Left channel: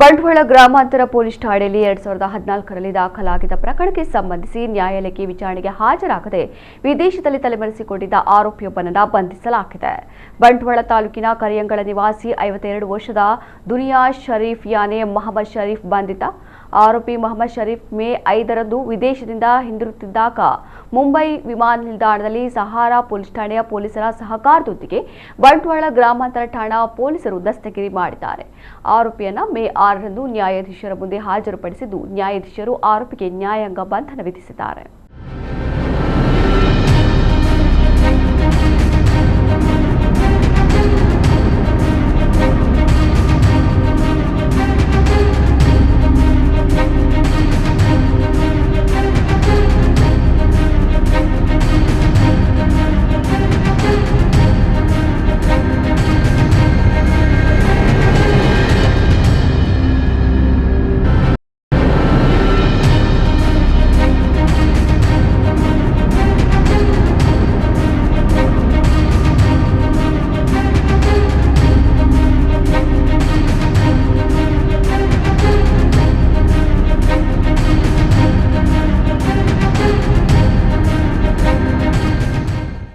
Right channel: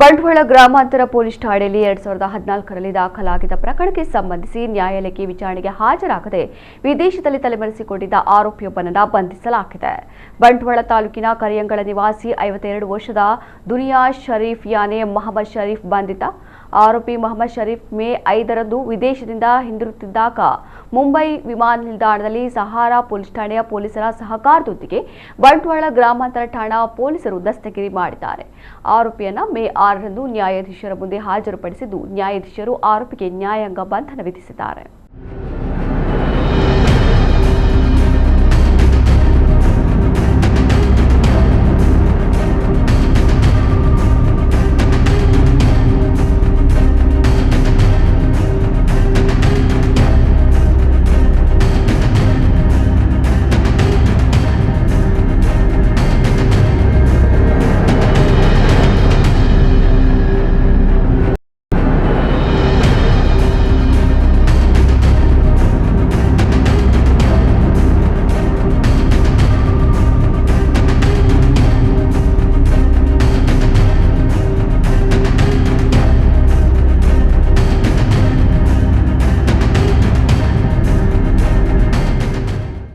ಬಂಟ್ವಾಳ ಗ್ರಾಮಾಂತರ ಪೊಲೀಸ್ ಠಾಣೆಯಲ್ಲಿ 2014ರಲ್ಲಿ ದಾಖಲಾಗಿದ್ದ ಪ್ರಕರಣಕ್ಕೆ ಸಂಬಂಧಿಸಿ ನ್ಯಾಯಾಲಯಕ್ಕೆ ವಿಚಾರಣೆಗೆ ಹಾಜರಾಗದೆ ವಿದೇಶದಲ್ಲಿ ತಲೆಮರೆಸಿಕೊಂಡಿದ್ದ ಆರೋಪಿಯೊಬ್ಬನನ್ನು ಬಂಧಿಸಲಾಗಿದೆ. ಬಂಟ್ವಾಳ ತಾಲೂಕಿನ ಕರಿಯಂಗಳ ನಿವಾಸಿ 52 ವರ್ಷದ ದುನಿಯಾ ಶರೀಫ್ ಯಾನೆ ಮೊಹಮ್ಮದ್ ಶರೀಫ್ ಬಂಧಿತ. ಆರೋಪಿ ಮೊಹಮ್ಮದ್ ಶರೀಫ್ ಮೇ 5ರಂದು ವಿದೇಶದಿಂದ ಹಿಂದಿರುಗುತ್ತಿದ್ದಾಗ ಮುಂಬೈ ವಿಮಾನ ನಿಲ್ದಾಣದಲ್ಲಿ ಸಹಾರಾ ಪೊಲೀಸ್ ಠಾಣೆಯ ಪೊಲೀಸರ ಸಹಕಾರದೊಂದಿಗೆ ಬಂಟ್ವಾಳ ಗ್ರಾಮಾಂತರ ಠಾಣಾ ಪೊಲೀಸರು ದಸ್ತಗಿರಿ ಮಾಡಿದ್ದಾರೆ. ಆರೋಪಿಯನ್ನ ಮೇ 6ರಂದು ನ್ಯಾಯಾಧೀಶರ ಮುಂದೆ ಹಾಜರುಪಡಿಸಿದ್ದು ನ್ಯಾಯಾಧೀಶರು ಆರೋಪಿಗೆ ನ್ಯಾಯಾಂಗ ಬಂಧನ ವಿಧಿಸಿದ್ದಾರೆ.